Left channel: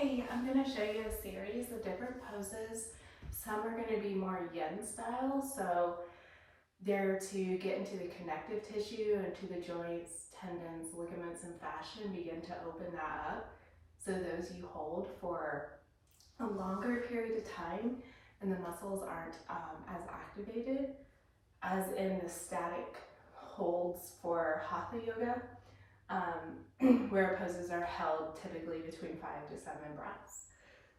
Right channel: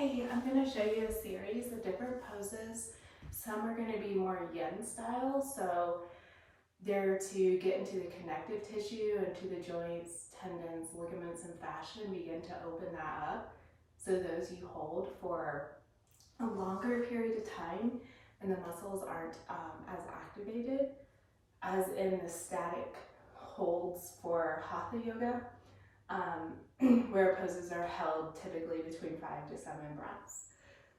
Hey, I'm going to show you a series of different poses. Some are going to be more yin style, so they're to get into the connective tissue, into the joints, tendons, ligaments, and fascia, and begin to open that up. So those you hold for a longer period of time, and the muscles aren't as activated as in the static holds for hatha yoga. Where poses are held typically between 5 to 7 breaths.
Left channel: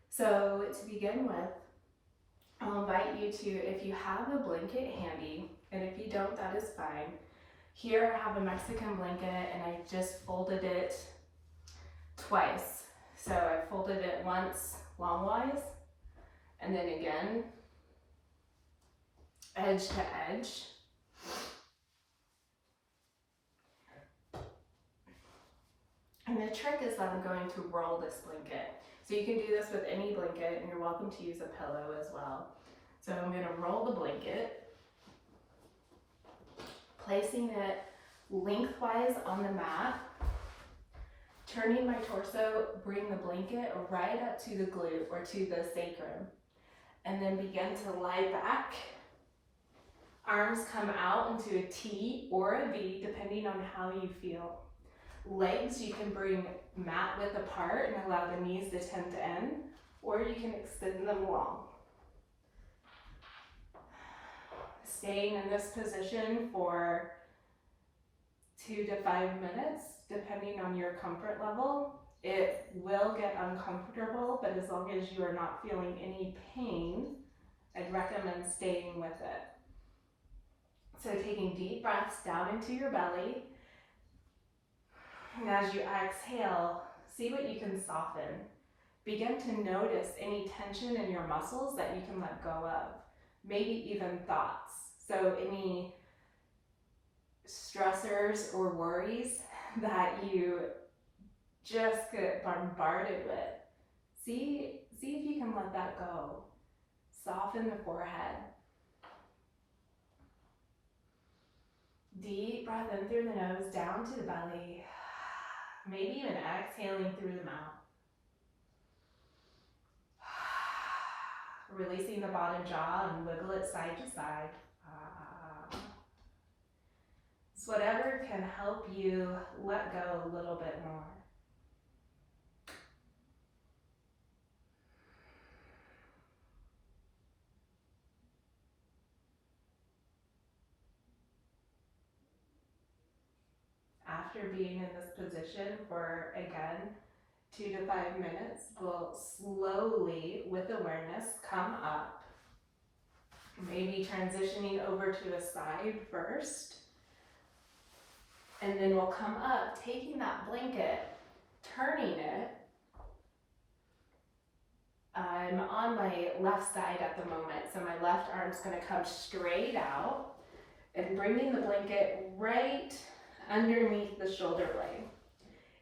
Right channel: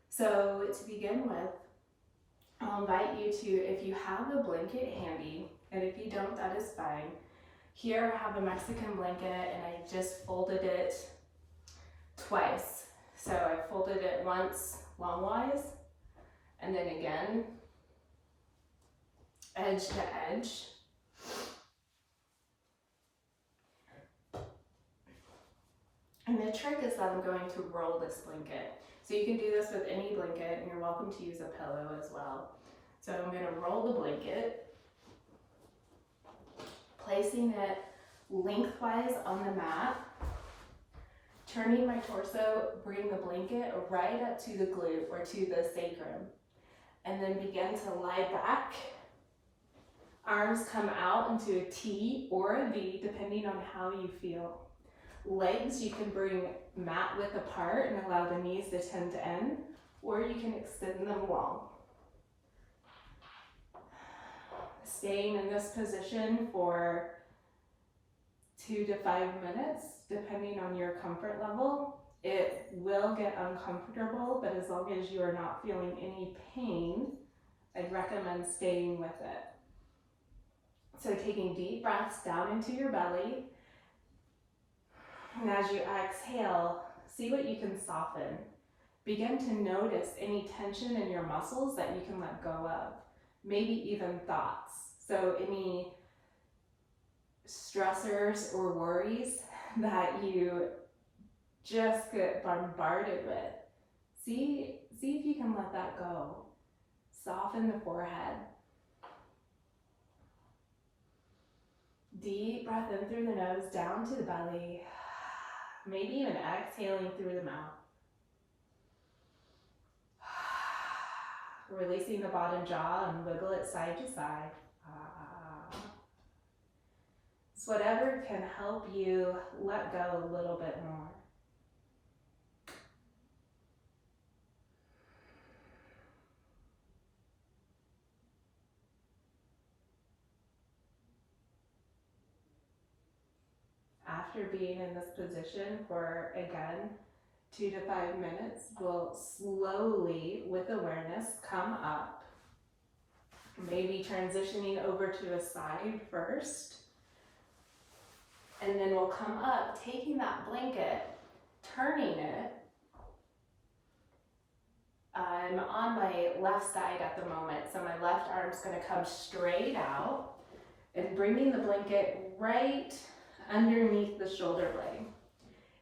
So to begin with, I'll invite you to, if you have a blanket handy, and if you don't, that is fine. Here I have a Mexican blanket and I just folded it twice. So I folded it once longwise, and then again, edge to edge. And the trick is that I'm going to roll this blanket. So you can do this with any blanket, and you're welcome to use a pillow as well. So I'm going to roll the blanket, placing it lengthwise on the mat, turning my torso, bring the blanket right up to the glute or to the sacrum, and then begin to lie back. Arms come out into a T or a V, depending on how you feel. Legs, you can bring mat width apart and allow the knees to tend to end, or you can extend them long. Staying in this position for 2 to 5 minutes, depending on your comfort level. It will get uncomfortable, but as long as you are not feeling any pain, I'd recommend staying with it. So taking deep breaths down into your belly. And as you exhale, see what you can soften. Begin to notice any tension in your muscles that you can let go of, maybe even thoughts. So any stressors or worries that you just get bombarded with, see if you can let that go. Soften the forehead. Deep breath in through the nose, down to the belly. Maybe even exhaling through the mouth. Releasing the bottom jaw and wiggle it side to side. So whatever can help you let go a little bit more. After being in this position for, again, 2 to 5 minutes, we'll slowly, with awareness, come up. Maybe transitioning over to a side first. And then we'll come up, taking that blanket, turning it. I'm on my left side at the moment, so my left arm's going to come straight out and bringing the blanket right underneath the shoulder blade.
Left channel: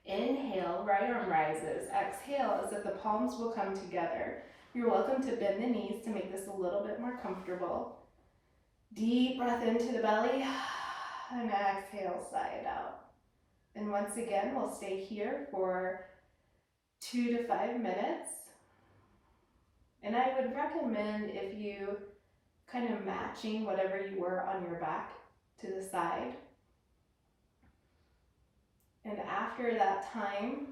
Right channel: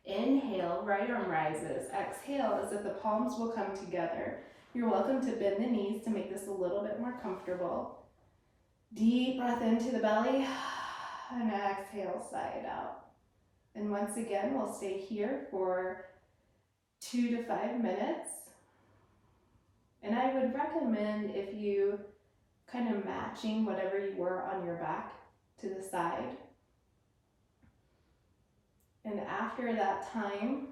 Inhale, right arm rises. Exhale as if the palms will come together. You're welcome to bend the knees to make this a little bit more comfortable. Deep breath into the belly and exhale, sigh it out. And once again, we'll stay here for 2 to 5 minutes. And I would recommend, if you kind of matching whatever you were on your back to the side. And after that time,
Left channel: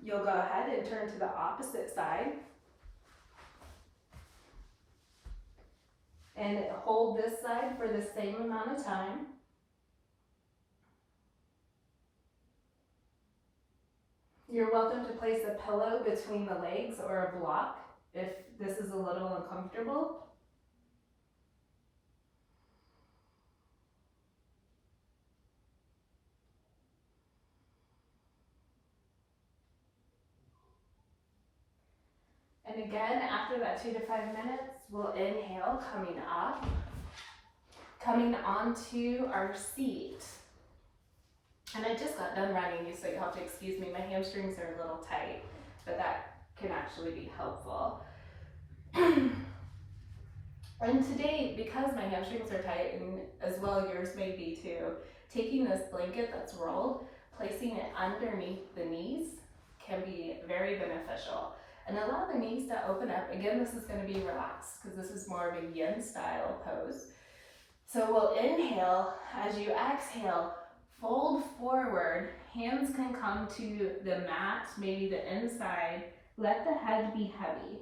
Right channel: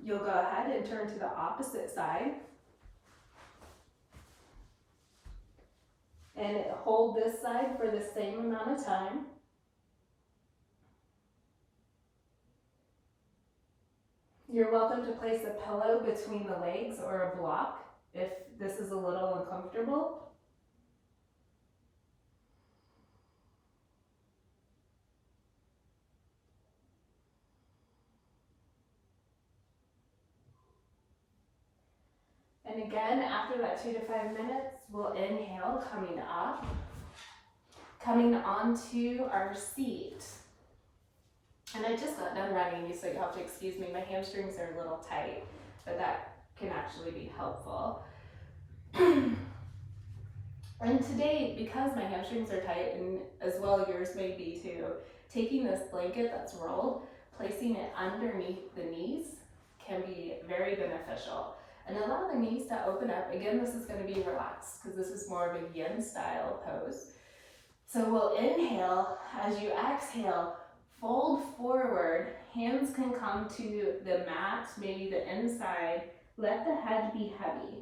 you'll go ahead and turn to the opposite side. And hold this side for the same amount of time. You're welcome to place a pillow between the legs or a block if this is a little uncomfortable. And again, after that 2 to 5 minutes, we'll inhale, coming up, coming onto our seat. And I just got done running, so you'll have to excuse me. My hamstrings are a little tight, but that can actually be helpful. And today, because my hamstrings are tight, and as well yours may be too, taking this blanket that's rolled, placing it underneath the knees can be very beneficial. and allow the knees to open up. Again, this is going to be relaxed because this is more of a yin style pose. So we'll inhale. As you exhale, fold forward. Hands can come to the mat, maybe the inside. Let the head be heavy.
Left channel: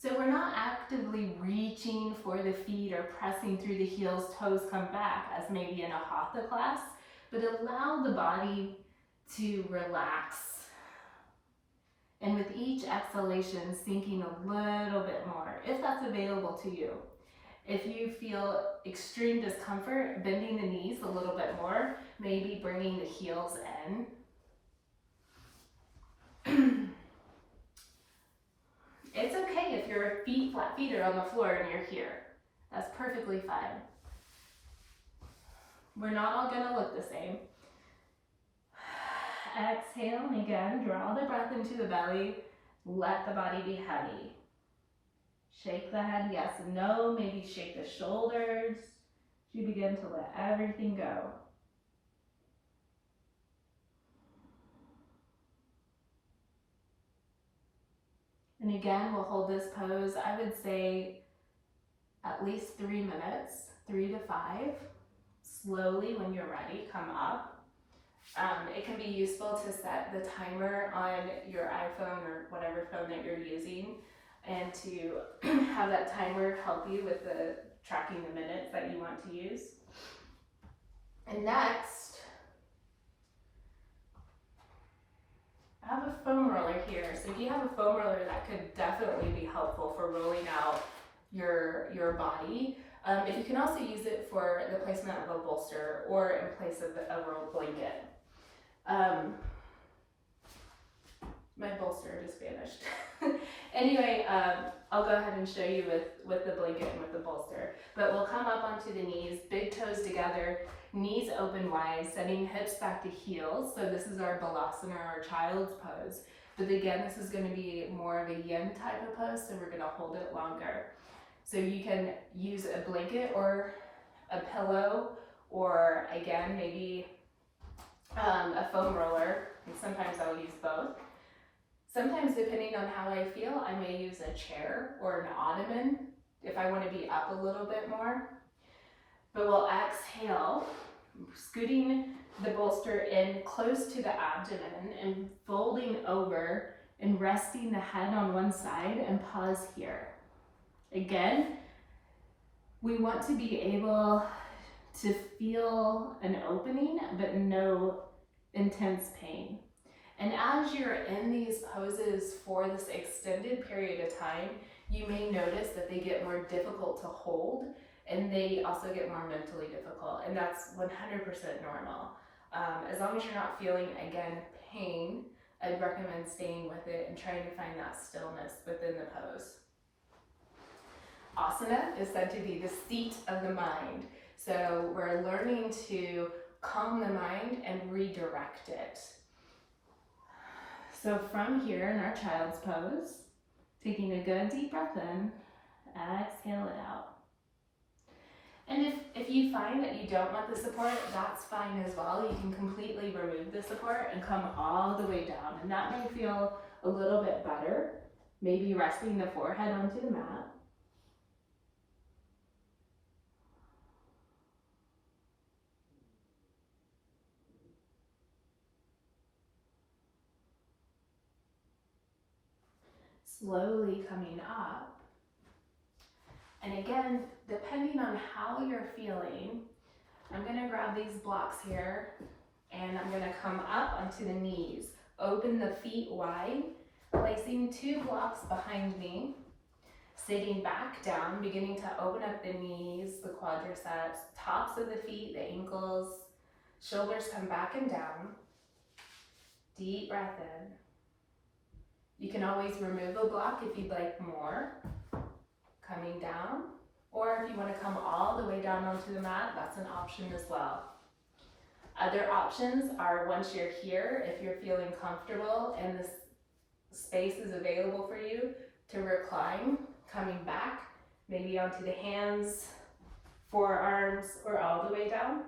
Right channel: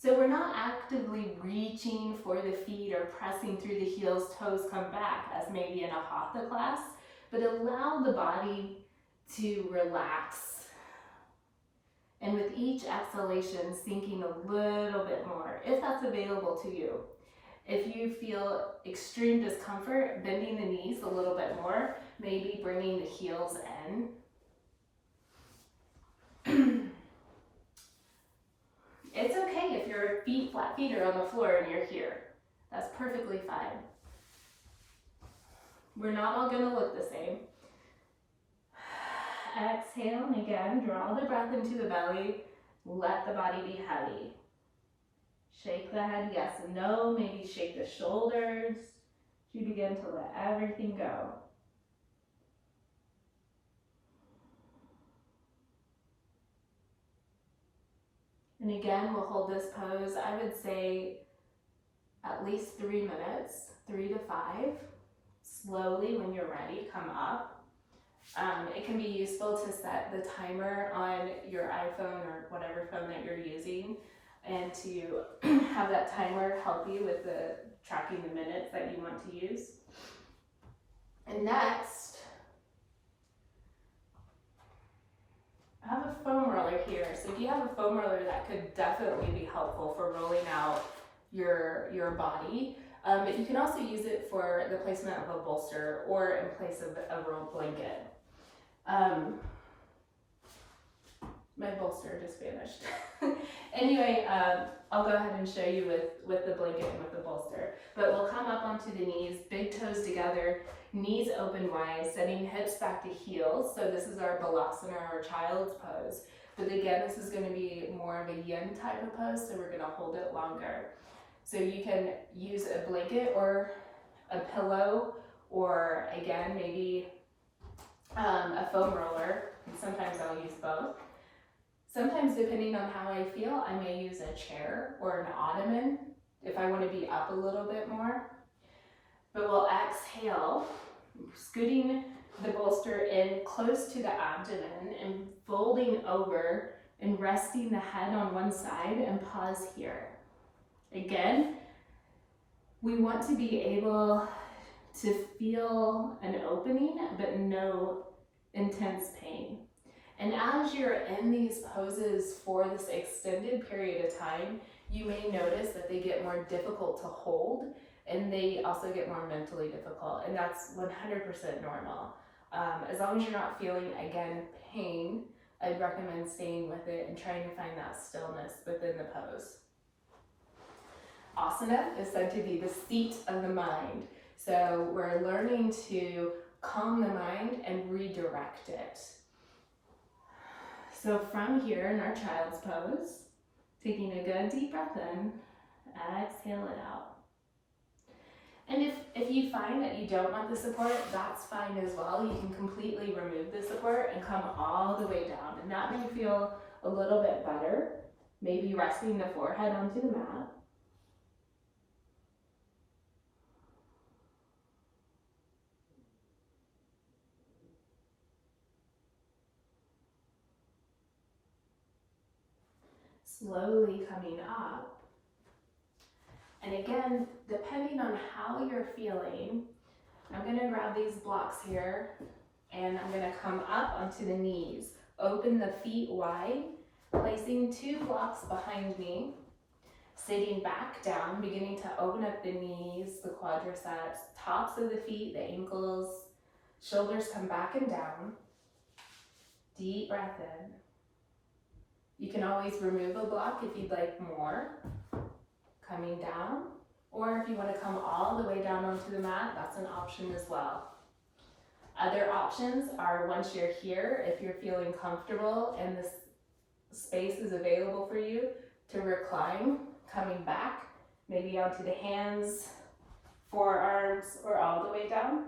So we're not actively reaching for the feet or pressing through the heels, toes come back, as maybe in a hatha class, but allow the body to relax. And with each exhalation, sinking a little bit more, if that's available to you. If you feel extreme discomfort, bending the knees a little bit more, maybe bringing the heels in. It's okay if your flat feet are on the floor and you're here. That's perfectly fine. We're not all gonna look the same. Exhale, and again, draw the breath into the belly. Let the body be heavy. Shake the head, yes and no. Maybe shake the shoulders. You begin to let everything go. And again, we'll hold this pose, I would say, at least 3 minutes, 3 to 5. Slowly, when you're ready, come up. It can be useful to set the timer on your iPhone or whatever phone that you're using, and to have that timer help you with the tracking the minutes that you want to use. And next, I have a foam roller here. So if you have a foam roller, that could definitely be helpful for rolling out your body. But you can also use it for the placement of a bolster or in place of a rolled blanket. My bolster just vanished. Anyway, I'll go ahead and show you with the blanket and with the bolster. But we'll come up onto the knees, big toes together, knees open wide, setting hips back to heels. So this is our balasana, our child's pose. But again, this is going to be more of a yin type of pose, so we're going to hold it longer. So you can use a blanket or a pillow, or again, maybe a foam roller, and sometimes I'll use both. Sometimes, depending on how I feel, I may use a chair or an ottoman if I want to be up a little bit more. But we'll exhale, scooting the bolster in close to the abdomen and folding over and resting the head on one side, and pause here. Again, we want to be able to feel an opening, but no intense pain. And as you're in these poses for this extended period of time, you may notice that they get more difficult to hold, and they also get more mentally difficult, and that's 100% normal. As long as you're not feeling, again, pain, I'd recommend staying with it and trying to find that stillness within the pose. Asana is said to be the seat of the mind. So we're learning to calm the mind and redirect it. So from here in our child's pose, taking a good deep breath in, exhale it out. And if you find that you don't want the support, that's fine as well. You can completely remove the support and come all the way down. And that may feel a little bit better. Maybe resting the forehead onto the mat. Slowly coming up. And again, depending on how you're feeling, I'm going to grab these blocks here and I'm going to come up onto the knees. Open the feet wide, placing 2 blocks behind me, sitting back down, beginning to open up the knees, the quadriceps, tops of the feet, the ankles, shoulders come back and down. Deep breath in. You can always remove a block if you'd like more. Coming down, or if you want to come all the way down onto the mat, that's an option as well. Other options are, once you're here, if you're feeling comfortable and this space is available for you, to recline, coming back, maybe onto the hands, forearms, or all the way down.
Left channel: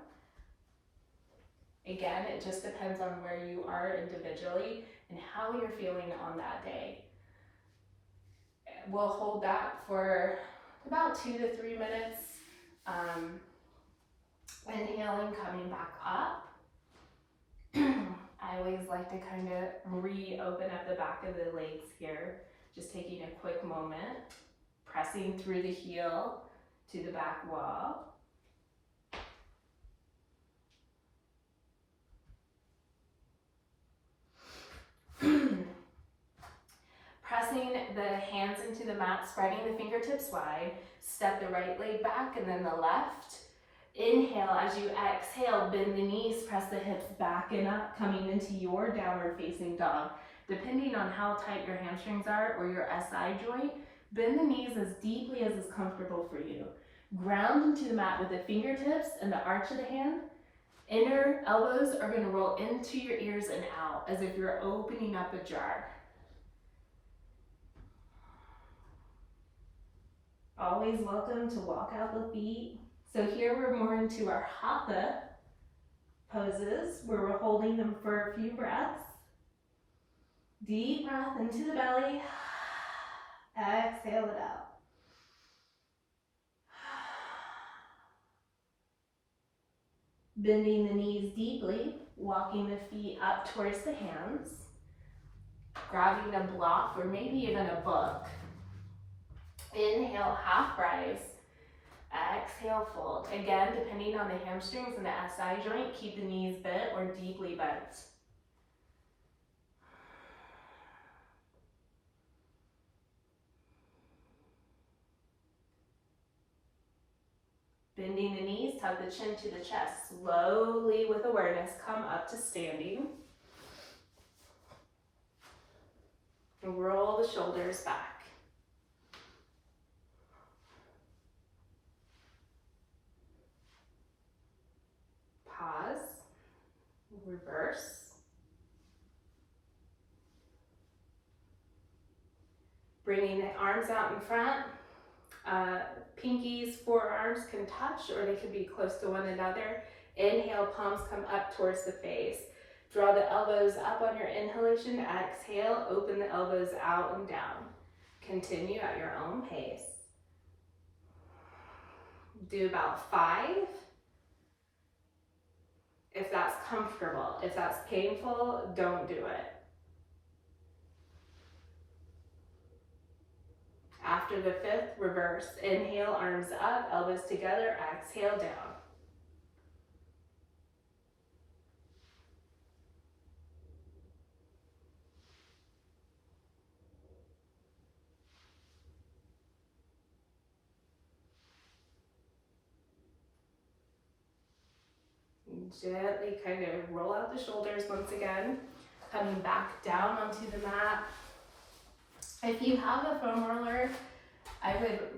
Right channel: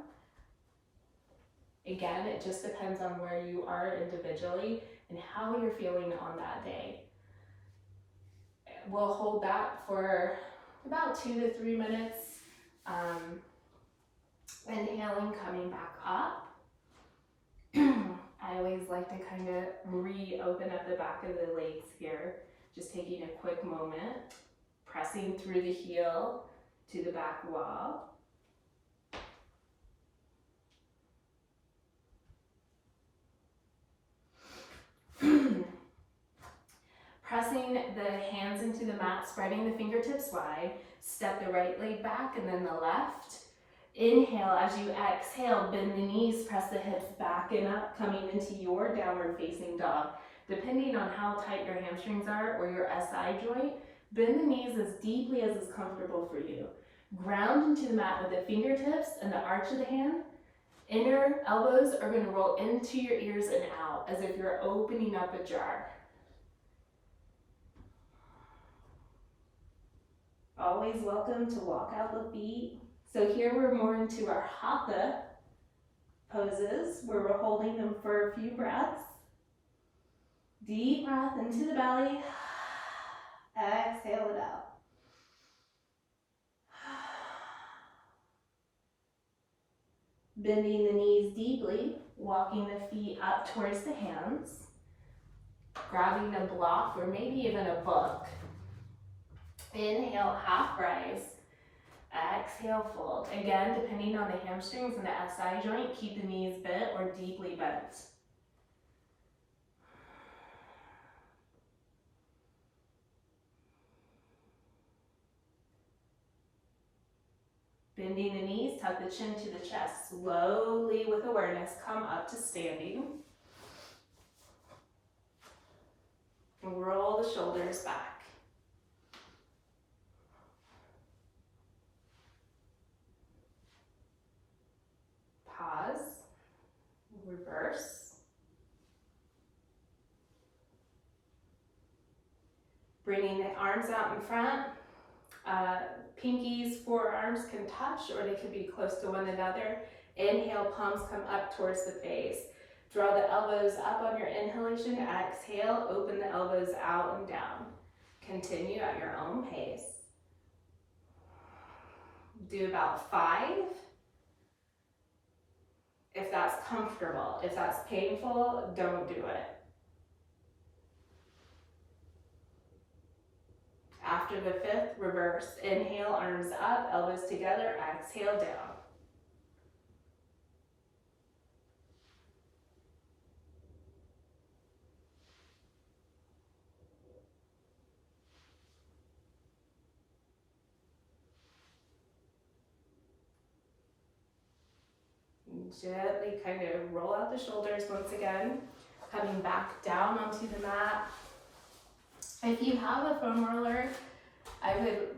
Again, it just depends on where you are individually and how you're feeling on that day. We'll hold that for about 2 to 3 minutes. Inhaling, coming back up. I always like to kind of reopen up the back of the legs here. Just taking a quick moment, pressing through the heel to the back wall. Pressing the hands into the mat, spreading the fingertips wide, step the right leg back and then the left. Inhale, as you exhale, bend the knees, press the hips back and up, coming into your downward facing dog. Depending on how tight your hamstrings are or your SI joint, bend the knees as deeply as is comfortable for you. Ground into the mat with the fingertips and the arch of the hand. Inner elbows are going to roll into your ears and out as if you're opening up a jar. Always welcome to walk out the feet. So here we're more into our hatha poses where we're holding them for a few breaths. Deep breath into the belly. Exhale it out. Bending the knees deeply, walking the feet up towards the hands. Grabbing a block or maybe even a book. Inhale, half rise. Exhale, fold. Again, depending on the hamstrings and the SI joint, keep the knees bent or deeply bent. Bending the knees, tuck the chin to the chest. Slowly, with awareness, come up to standing. And roll the shoulders back. Pause, reverse. Bringing the arms out in front. Pinkies, forearms can touch or they can be close to one another. Inhale, palms come up towards the face. Draw the elbows up on your inhalation. Exhale, open the elbows out and down. Continue at your own pace. Do about 5. If that's comfortable. If that's painful, don't do it. After the 5th, reverse. Inhale, arms up, elbows together, exhale down. Gently kind of roll out the shoulders once again, coming back down onto the mat. If you have a foam roller, I would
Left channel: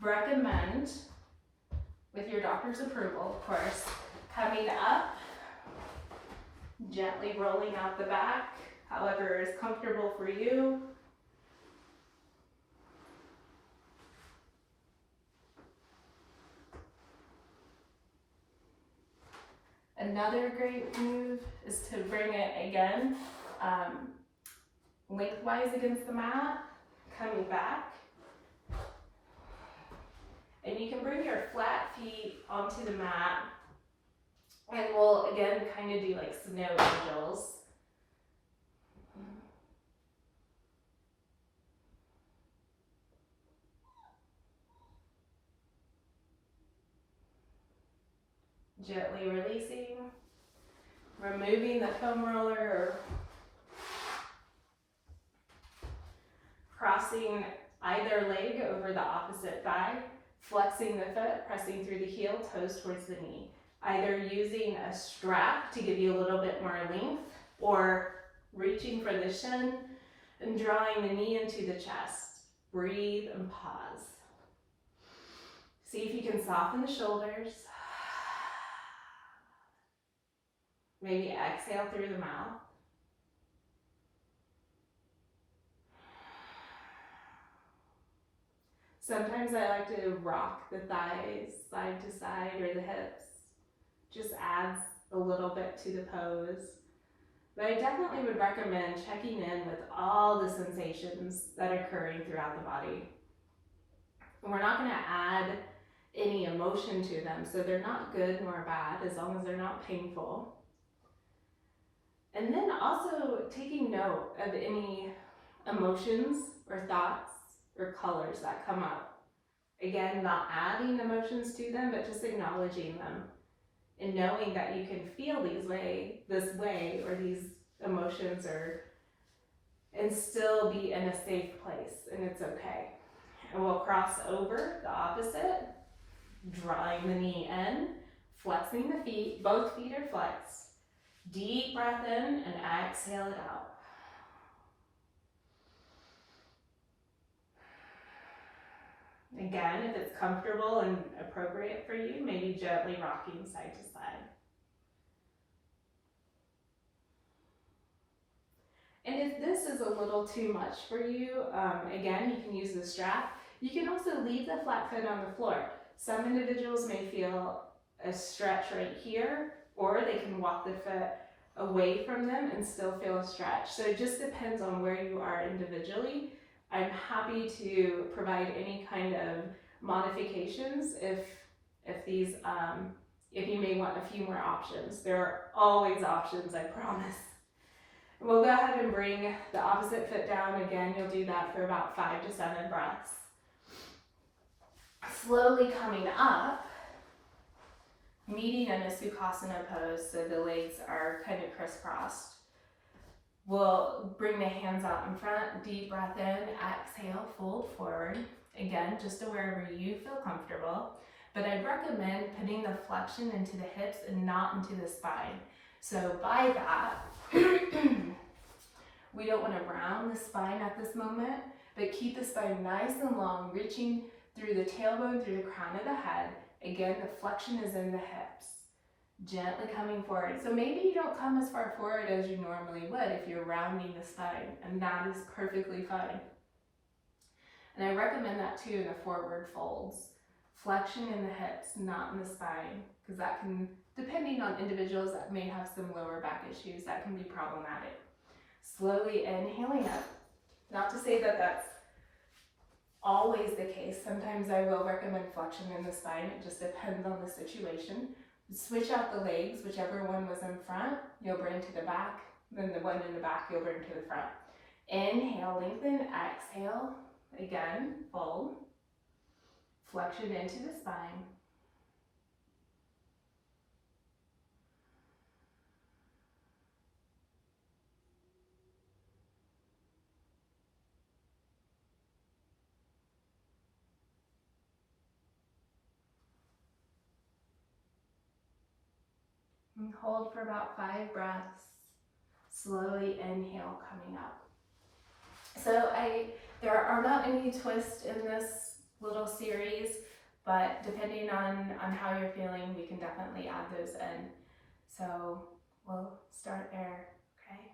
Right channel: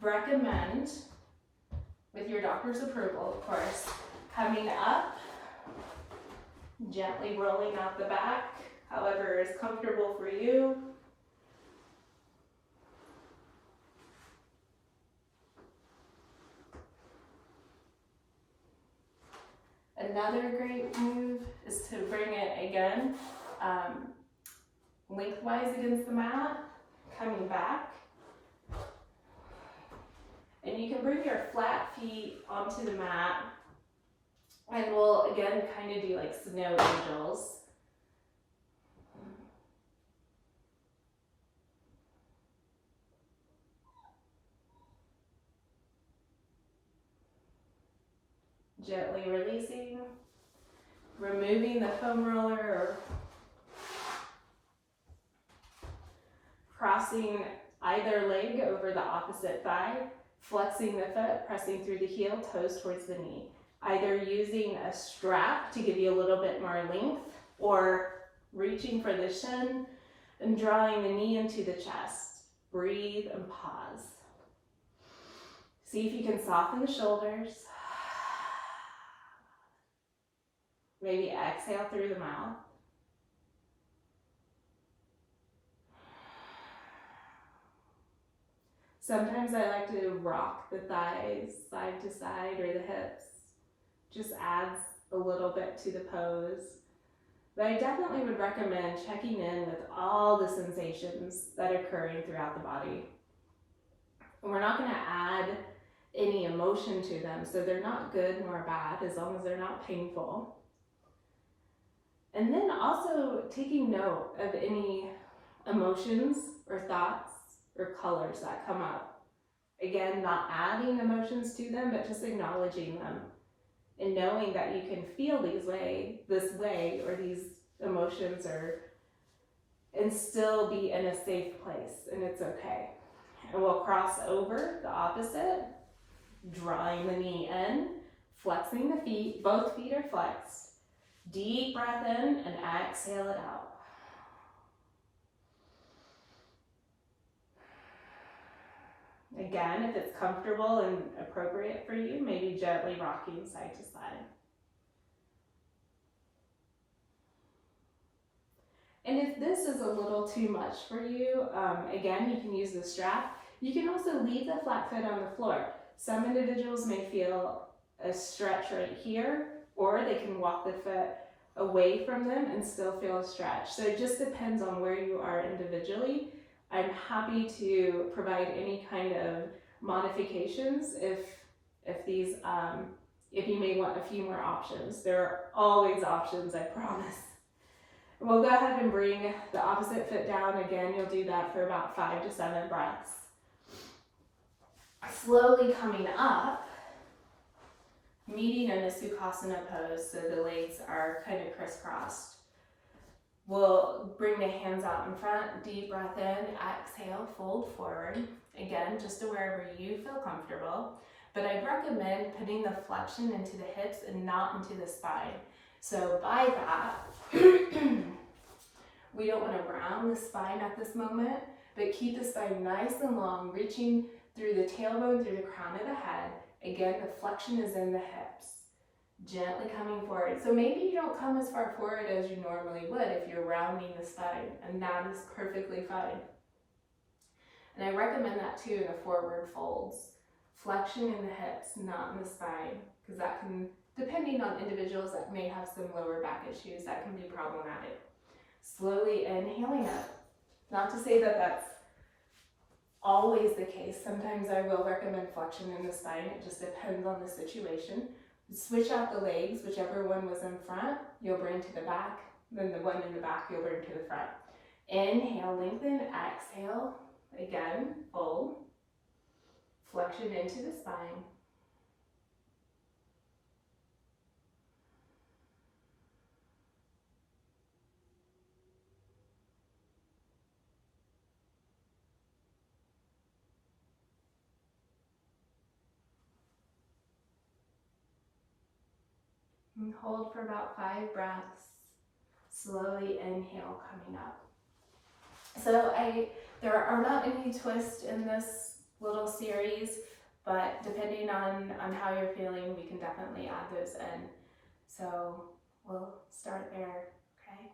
recommend, with your doctor's approval, of course, coming up, gently rolling out the back, however is comfortable for you. Another great move is to bring it again lengthwise against the mat, coming back. And you can bring your flat feet onto the mat. And we'll again kind of do like snow angels. Gently releasing, removing the foam roller, or crossing either leg over the opposite thigh, flexing the foot, pressing through the heel, toes towards the knee. Either using a strap to give you a little bit more length, or reaching for the shin and drawing the knee into the chest. Breathe and pause. See if you can soften the shoulders. Maybe exhale through the mouth. Sometimes I like to rock the thighs side to side or the hips. Just adds a little bit to the pose. But I definitely would recommend checking in with all the sensations that are occurring throughout the body. And we're not going to add any emotion to them, so they're not good nor bad as long as they're not painful. And then also taking note of any emotions or thoughts or colors that come up. Again, not adding emotions to them, but just acknowledging them and knowing that you can feel this way or these emotions and still be in a safe place, and it's okay. And we'll cross over the opposite, drawing the knee in, flexing the feet, both feet are flexed. Deep breath in and exhale it out. Again, if it's comfortable and appropriate for you, maybe gently rocking side to side. And if this is a little too much for you, again, you can use the strap. You can also leave the flat foot on the floor. Some individuals may feel a stretch right here, or they can walk the foot away from them and still feel a stretch. So it just depends on where you are individually. I'm happy to provide any kind of modifications if you may want a few more options. There are always options, I promise. We'll go ahead and bring the opposite foot down. Again, you'll do that for about 5 to 7 breaths. Slowly coming up, meeting in a Sukhasana pose, so the legs are kind of crisscrossed. We'll bring the hands out in front, deep breath in, exhale, fold forward. Again, just to wherever you feel comfortable. But I'd recommend putting the flexion into the hips and not into the spine. So by that, we don't want to round the spine at this moment, but keep the spine nice and long, reaching through the tailbone, through the crown of the head. Again, the flexion is in the hips. Gently coming forward. So maybe you don't come as far forward as you normally would if you're rounding the spine, and that is perfectly fine. And I recommend that too in the forward folds. Flexion in the hips, not in the spine, because that can, depending on individuals that may have some lower back issues, that can be problematic. Slowly inhaling up. Not to say that that's always the case. Sometimes I will recommend flexion in the spine. It just depends on the situation. Switch out the legs, whichever one was in front, you'll bring to the back, then the one in the back you'll bring to the front. Inhale, lengthen, exhale, again, fold, flexion into the spine. And hold for about 5 breaths. Slowly inhale, coming up. So there are not any twists in this little series, but depending on how you're feeling, we can definitely add those in. So we'll start there, okay?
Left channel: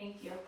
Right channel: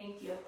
Thank you.